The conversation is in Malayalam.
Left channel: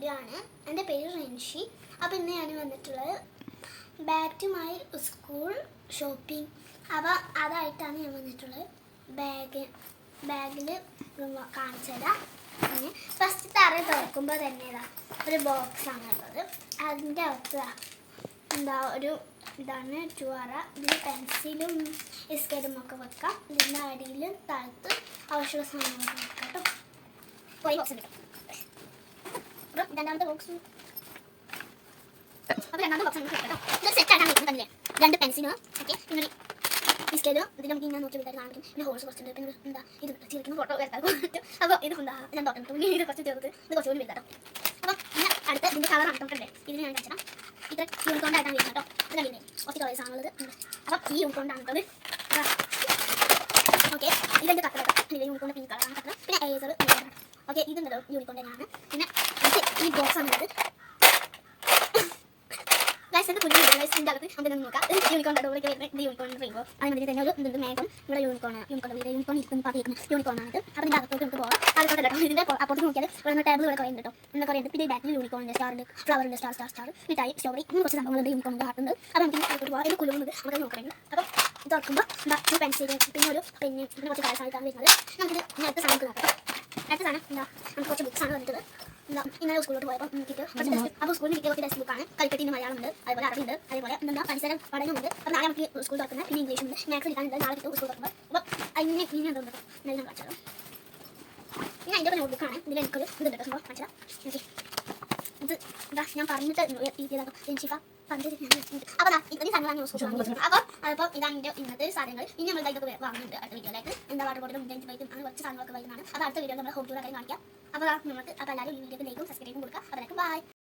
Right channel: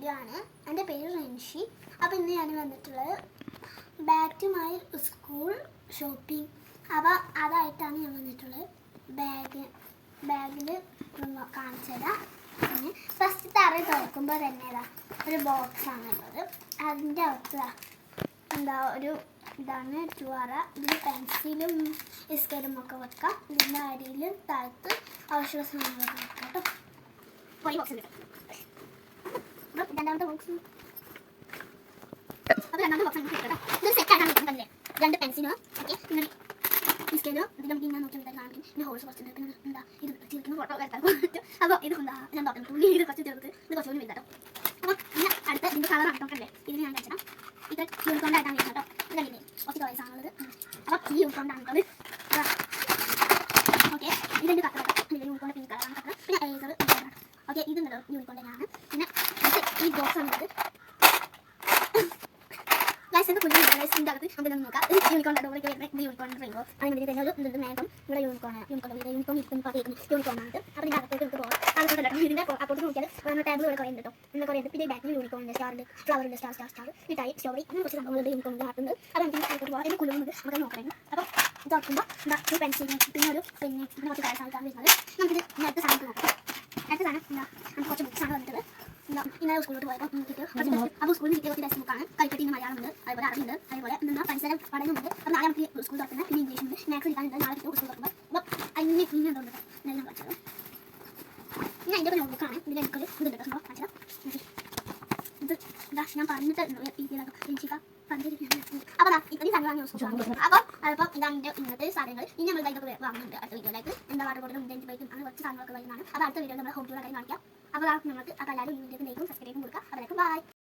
വീഡിയോ ആണ്. എൻ്റെ പേര് റെൻഷി. അപ്പോൾ ഇന്ന് ഞാൻ വന്നിട്ടുള്ളത് back to my school shopping. അപ്പോൾ അതായിട്ടാണ് ഞാൻ വന്നിട്ടുള്ളത്. ബാഗിൽ കാണിച്ചു തരാം. ഫസ്റ്റ് തറ തുറക്കുമ്പോൾ തന്നെ ഒരു ബോക്സാണ് ഉള്ളത്. അതിൻ്റെ അകത്ത് ഒരു ഇതാണ് ചുവറ. ഇതിൽ പെൻസിലും സ്കെയിലും ഒക്കെ വെക്കാം. ഇതിൻ്റെ അടിയിൽ താഴത്ത് ആവശ്യമുള്ള സാധനങ്ങളൊക്കെ വെക്കാം കേട്ടോ. അപ്പോൾ ഈ ബോക്സ് കിട്ടും. അപ്പം രണ്ടാമത്തെ ബോക്സ് ഇത് സെറ്റായിട്ടാണ് കിട്ടുന്നത്. രണ്ട് പെൻസിലും ഓക്കെ, പിന്നെ സ്കെയിലും ഇതിൽ നമുക്ക് ഇങ്ങനെ നോക്കി വിട്ടാൽ കാണിക്കും. പിന്നെ ഹോൾസ് കുറച്ചുണ്ട്. പിന്നെ ഇത് ചേർക്കുന്ന ഫോട്ടോ വരക്കാൻ പറ്റും. അപ്പോൾ ഇത് ഞാൻ ഡോക്ടർ ഇത് കുറച്ച് ചേർത്ത് ഇത് കുറച്ചുകൂടി വലുതാട്ടോ. അപ്പോൾ ഞാൻ അടുത്ത ഇതിൻ്റെ കളറാണ് കേട്ടോ. ഇതിന് ഞാൻ കഴിച്ചാൽ ഇത് യൂണിക്കോണ്ടായിട്ടാണ് വരുന്നത് കേട്ടോ. ഇതല്ലേ കുറച്ച് കളേഴ്സ് ആണുള്ളത്. അപ്പം ഈ യൂണിക്കോണ്ടാണ് കേട്ടോ. ഓക്കെ, ഇതെൻ്റെ കട്ടർ ഇത് യൂണിക്കോണ്ട് പിങ്ക് കളറാണ് കട്ടർ. പിന്നെ ഏസർ ഓക്കെ, ഇതുണ്ടല്ലോ യൂണിക്കോണ്ട് തന്നെയാണ്. പിന്നെ ഈ ബോക്സ് ആണുള്ളത്. ഗൈസിൻ്റെ കുഞ്ഞു ഗൈസിൻ്റെ അകത്ത് നമുക്ക് നോക്കാം. ഇത് യൂണിക്കോണ്ട് ഇവിടെ വരുന്നത്. ഇത് യൂണിക്കോണ്ട് റെയിൻബോ അതിന് തന്നെ ഒരു ഇതുണ്ട് മേഘം. ഇവിടെ യൂണിക്കോൺ ഇരിക്കുന്ന യൂണിക്കോണാണ്. അപ്പോൾ ഇതിൻ്റെ അകത്തോട്ട് നമുക്ക് പോകാം. അതുകൊണ്ട് ഇതിൻ്റെ അപ്പുറത്ത് നോക്കിയാൽ ഇവിടെ ടേബിൾ ഇവിടെ കുറേ ഉണ്ട് കേട്ടോ. ഇവിടെ കുറേ ഉണ്ട്. പിന്നെ ബാക്കിൽ യൂണിക്കോണിൻ്റെ സ്റ്റാറിൻ്റെ ഫ്ലവറിൻ്റെ സ്റ്റാർ മിഠായി സ്ട്രോബെറി അങ്ങനെ കുറച്ച് സംഭവങ്ങളുണ്ട്. യൂണിക്കോണിൻ്റെ ഹാർട്ടുണ്ട്. അപ്പോൾ നമുക്ക് അകത്തോട്ട് പോകാം. ഇത് കുലുങ്ങുന്നത് നമുക്ക് നോക്കണം. അപ്പോൾ ഇത് തുറക്കുമ്പോൾ പെൻസിൽ പിന്നെ ഒരു പെന്ന് പിന്നെ കുറച്ച് കളേഴ്സായിട്ടാണ് വരുന്നത്. നമുക്കിത് നേരത്തെ സാധനത്തിൽ നോക്കാം. നേരത്തെ സാധനം നമുക്ക് കുറച്ച് ബുക്സാണ് വന്നിട്ടത്. ഇന്നലെ സ്കൂളിലോട്ട് പോയപ്പോൾ കിട്ടിയ അപ്പോൾ സ്കൂളിൽ കിട്ടിയ കുറച്ച് ടെക്സ്റ്റ് ബുക്കാണ്. കളിപ്പെട്ടിൻ്റെ മലയാളം ഉണ്ട്, അതുപോലെ അറിവുണ്ട്, അതുപോലെ പരിസരം പഠനമുണ്ട്. അപ്പോൾ നാളെ നമുക്ക് സ്കൂൾ തുറക്കുന്നത്. പിന്നെ ഇംഗ്ലീഷ് ഉണ്ട്, മാത്സ് എടുക്കാനുണ്ട്. നാളെ കിട്ടും സ്കൂൾ തുറക്കുമ്പോൾ. അപ്പോൾ അതിനെ പിന്നെ എന്തുണ്ട് എല്ലാം കാണിച്ചത്. പിന്നെ അതിൻ്റെ ഒരു നോട്ട്ബുക്കാണ്. ഇതിൽ എനിക്കൊരു ഇതുണ്ട് കേട്ടോ. സംഭവം കാണിച്ചത് എനിക്ക് ഇത് ഞാൻ പറഞ്ഞിട്ട് രഞ്ഷിക അപ്പോൾ ഇത്രയും സാധനങ്ങളാണ് യൂസ് ചെയ്യുന്നത്. അപ്പോൾ ഇതാണ് എൻ്റെ ഇന്നത്തെ സാധനങ്ങൾ. ഇനി നമ്മൾ ഇതൊക്കെ വാങ്ങുന്നുണ്ട് അടുത്ത വീഡിയോയിലേക്ക്. വാട്ടർ ബോട്ടിലും ജെൻസ് ബൈക്കും അങ്ങനെ കുറച്ച് സാധനങ്ങളൊക്കെ വരുന്നതാണ്. അപ്പോൾ അടുത്ത വീഡിയോ നമ്മൾ ഹോം ടൂർ കാര്യം കാണിക്കാം. അപ്പോൾ നമുക്ക് അപ്പോൾ എല്ലാവരും ഈ വീഡിയോക്ക് ലൈക്കും സബ്സ്ക്രൈബും കൊടുക്കുക. അതിലേക്ക് ബൈ.